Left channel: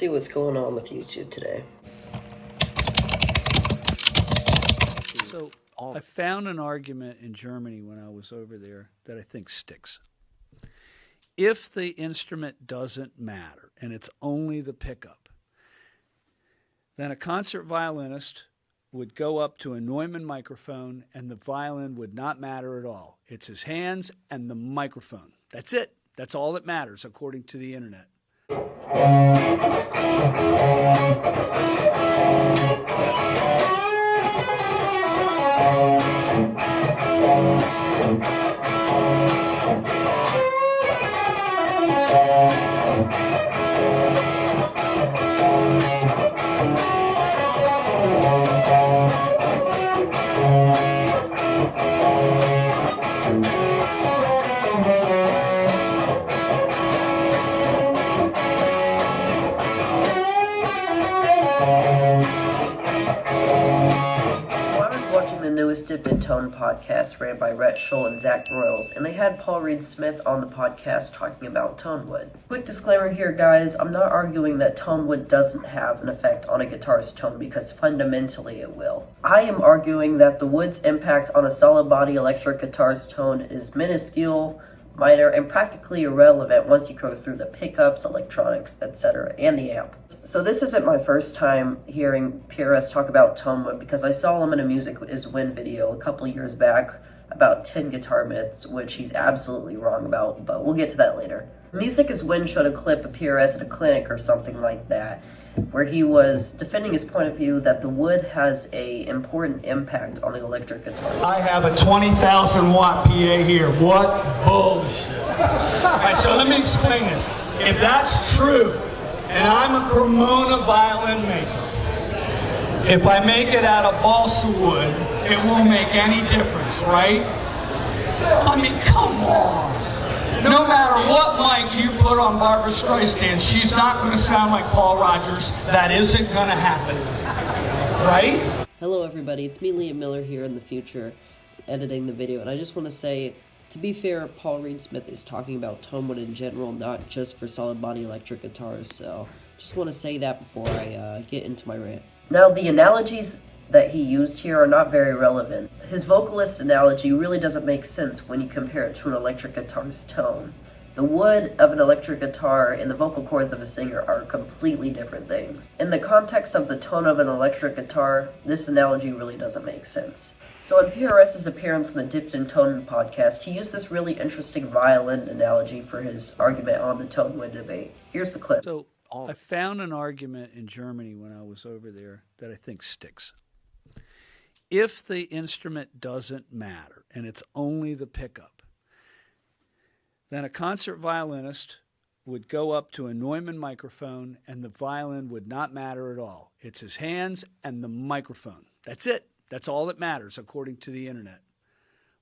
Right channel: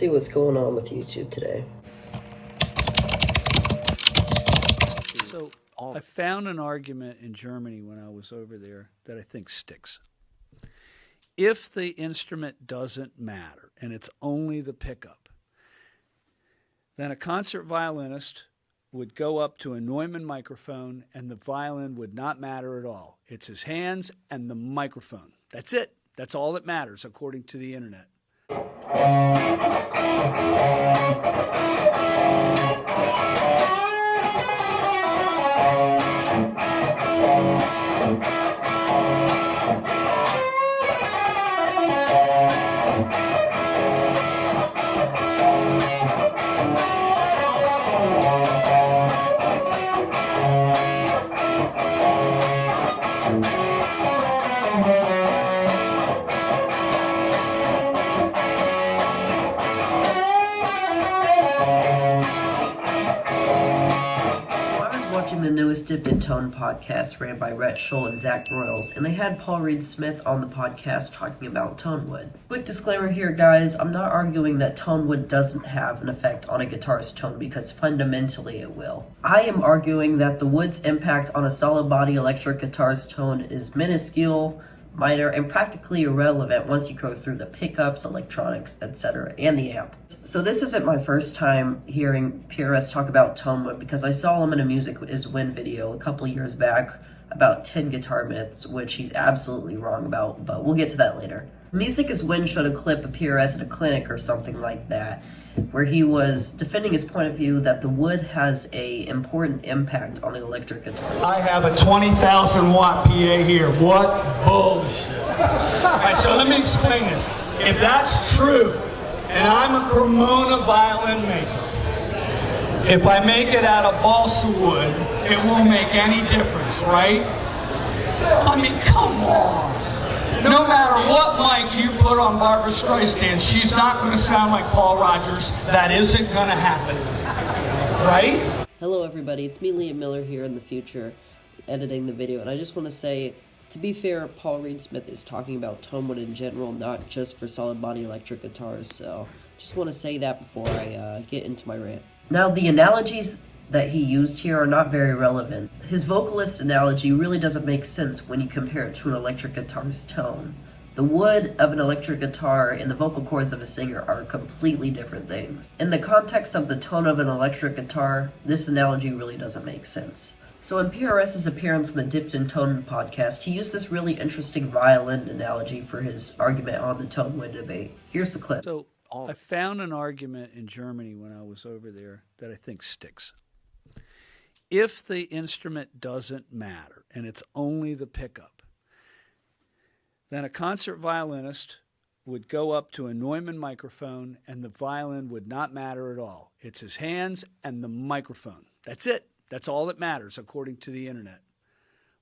see what's going on with YouTube today. So I found an argument in Germany when I was over there that I think sticks. If the instrument doesn't matter and it's only the pickup, then a concert violinist would go up to a Neumann microphone and the violin would not matter at all. It's his hands and the microphone. That's it. That's all that matters, according to the internet. Watching the newest Dip in Tone podcast ran by Rhett Shull and Zach Broyles, and they had Paul Reed Smith on the podcast talking about Tonewood. Quick disclaimer here, guys, I'm not arguing that Tonewood doesn't have an effect on a guitar's tone, because fundamentally it will. I am arguing that the wood's impact on a solid body electric guitar's tone is minuscule, minor, and practically irrelevant once you go through the pickups, electronics, etc., and the amp. So this isn't my first time hearing PRS talk about Tonewood, because I saw him in a Music is Win video a couple years back about 10 guitar myths, which he's absolutely wrong about, but we'll get to that later. Music is Win showed a clip of PRS at a clinic or something like that, where he was defending his point of view that the wood has a important impact on the electric guitar. I have a 20,000 watt PA here. What bullshit. All right, so let me explain this. If that's true, and I'm a Cremona violin maker, if I make it out of balsa wood, it won't make any difference, right? I mean, come on. No matter what mic you put on Barbra Streisand, she's not going to sound like Paul Rogers. That isn't going to happen, right? Hello everybody, it's me, Liam Miller, here in the future, editing the video, and I just want to say, to be fair, Paul Reed Smith is talking about Tonewood in general, not just for solid body electric guitars, so just want to say that before I get into my rant. Now, the analogies that he used here are not very relevant. His vocalist analogy really doesn't make sense when you compare it to an electric guitar's tone. The wood of an electric guitar and the vocal cords of a singer are completely different things. In the context of the tone of an electric guitar, this analogy really doesn't make sense. So in PRS's appearance on the Dipped in Tone podcast, he used this really interesting violin analogy for his argument on the Tonewood debate. Here's the clip. So I found an argument in Germany when I was over there that I think sticks. If the instrument doesn't matter and it's only the pickup, then a concert violinist would go up to a Neumann microphone and the violin would not matter at all. It's his hands and the microphone. That's it. That's all that matters, according to the internet.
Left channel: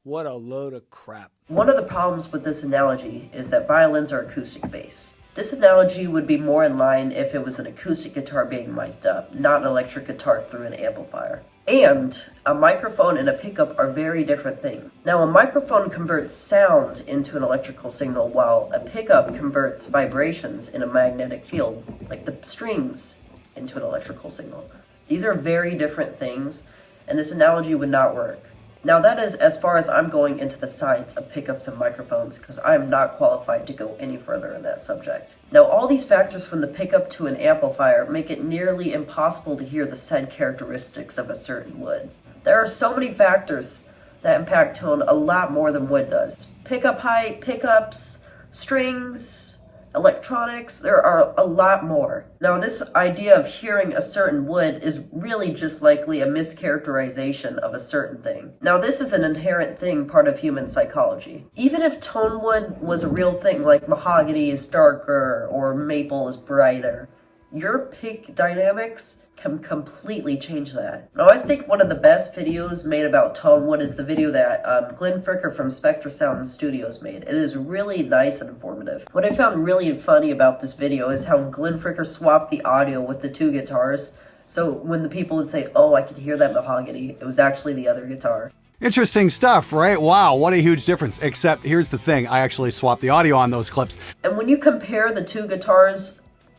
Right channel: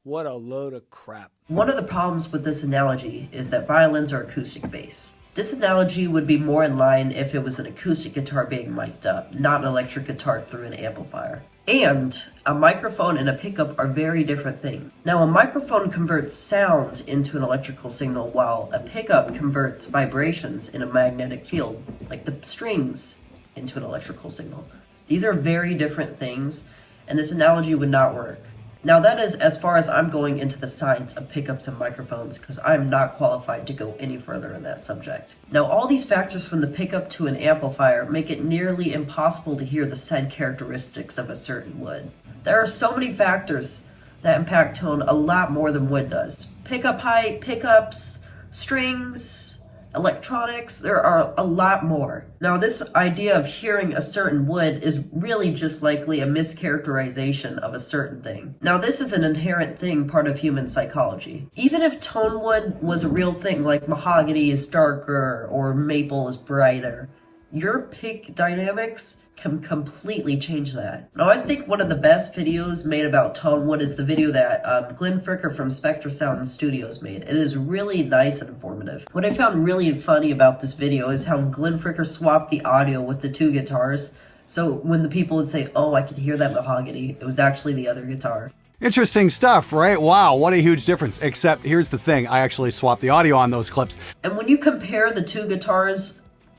What a load of crap. One of the problems with this analogy is that violins are acoustic bass. This analogy would be more in line if it was an acoustic guitar being mic'd up, not an electric guitar through an amplifier. And a microphone and a pickup are very different things. Now, a microphone converts sound into an electrical signal, while a pickup converts vibrations in a magnetic field, like the strings, into an electrical signal. These are very different things, and this analogy would not work. Now, that is as far as I'm going into the science of pickups and microphones, because I'm not qualified to go any further in that subject. Now, all these factors from the pickup to an amplifier make it nearly impossible to hear the said characteristics of a certain wood. There are so many factors that impact tone a lot more than wood does. Pickup height, pickups, strings, electronics, there are a lot more. Now, this idea of hearing a certain wood is really just likely a mischaracterization of a certain thing. Now, this is an inherent thing, part of human psychology. Even if Tonewood was a real thing, like mahogany is darker or maple is brighter, your pick dynamics can completely change that. Now, I think one of the best videos made about Tonewood is the video that Glenn Fricker from Spectre Sound Studios made. It is really nice and informative. What I found really funny about this video is how Glenn Fricker swapped the audio with the two guitars. So when the people would say, "Oh, I could hear that mahogany," it was actually the other guitar. Interesting stuff, right? Wow, what a huge difference. Except here's the thing, I actually swapped the audio on those clips. And when you compare the two guitars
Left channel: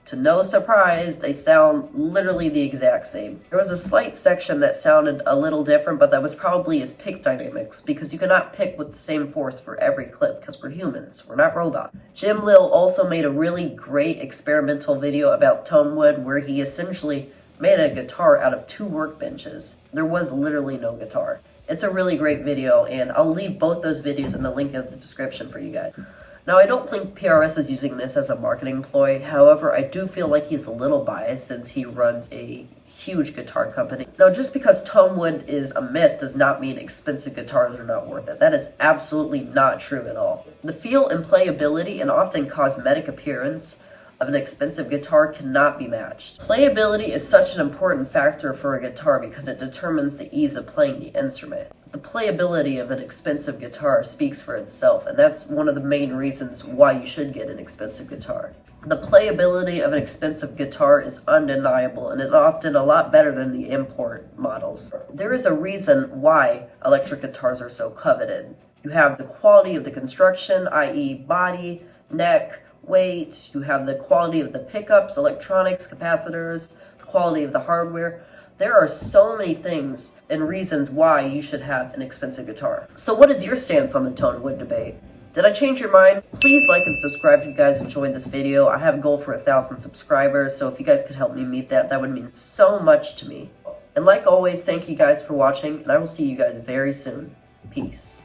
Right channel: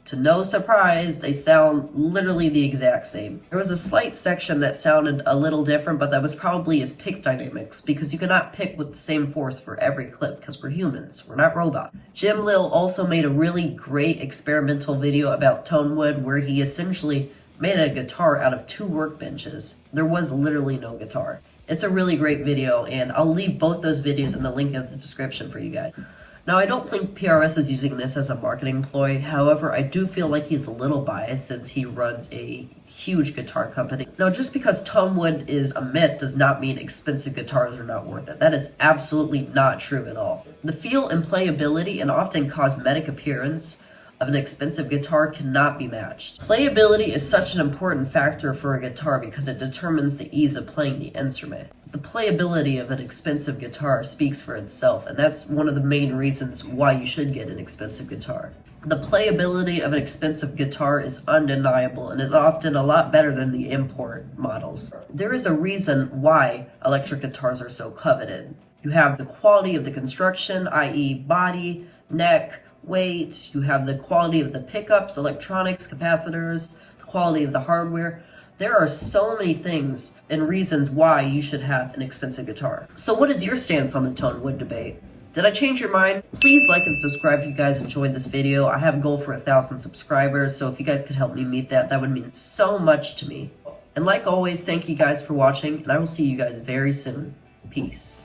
To no surprise, they sound literally the exact same. There was a slight section that sounded a little different, but that was probably his pick dynamics, because you cannot pick with the same force for every clip, because we're humans, we're not robots. Jim Lil also made a really great experimental video about Tonewood, where he essentially made a guitar out of 2 workbenches. There was literally no guitar. It's a really great video, and I'll leave both those videos in the link in the description for you guys. Now, I don't think PRS is using this as a marketing ploy. However, I do feel like he's a little biased since he runs a huge guitar company. Now, just because Tonewood is a myth does not mean expensive guitars are not worth it. That is absolutely not true at all. The feel and playability and often cosmetic appearance of an expensive guitar cannot be matched. Playability is such an important factor for a guitar because it determines the ease of playing the instrument. The playability of an expensive guitar speaks for itself, and that's one of the main reasons why you should get an expensive guitar. The playability of an expensive guitar is undeniable and is often a lot better than the import models. There is a reason why electric guitars are so coveted. You have the quality of the construction, i.e. body, neck, weight. You have the quality of the pickups, electronics, capacitors, the quality of the hardware. There are so many things and reasons why you should have an expensive guitar. So what is your stance on the Tonewood debate? Did I change your mind? Please like and subscribe if you guys enjoyed this video. I have a goal for 1,000 subscribers, so if you guys could help me meet that, that would mean so much to me. And like always, thank you guys for watching, and I will see you guys very soon. Peace.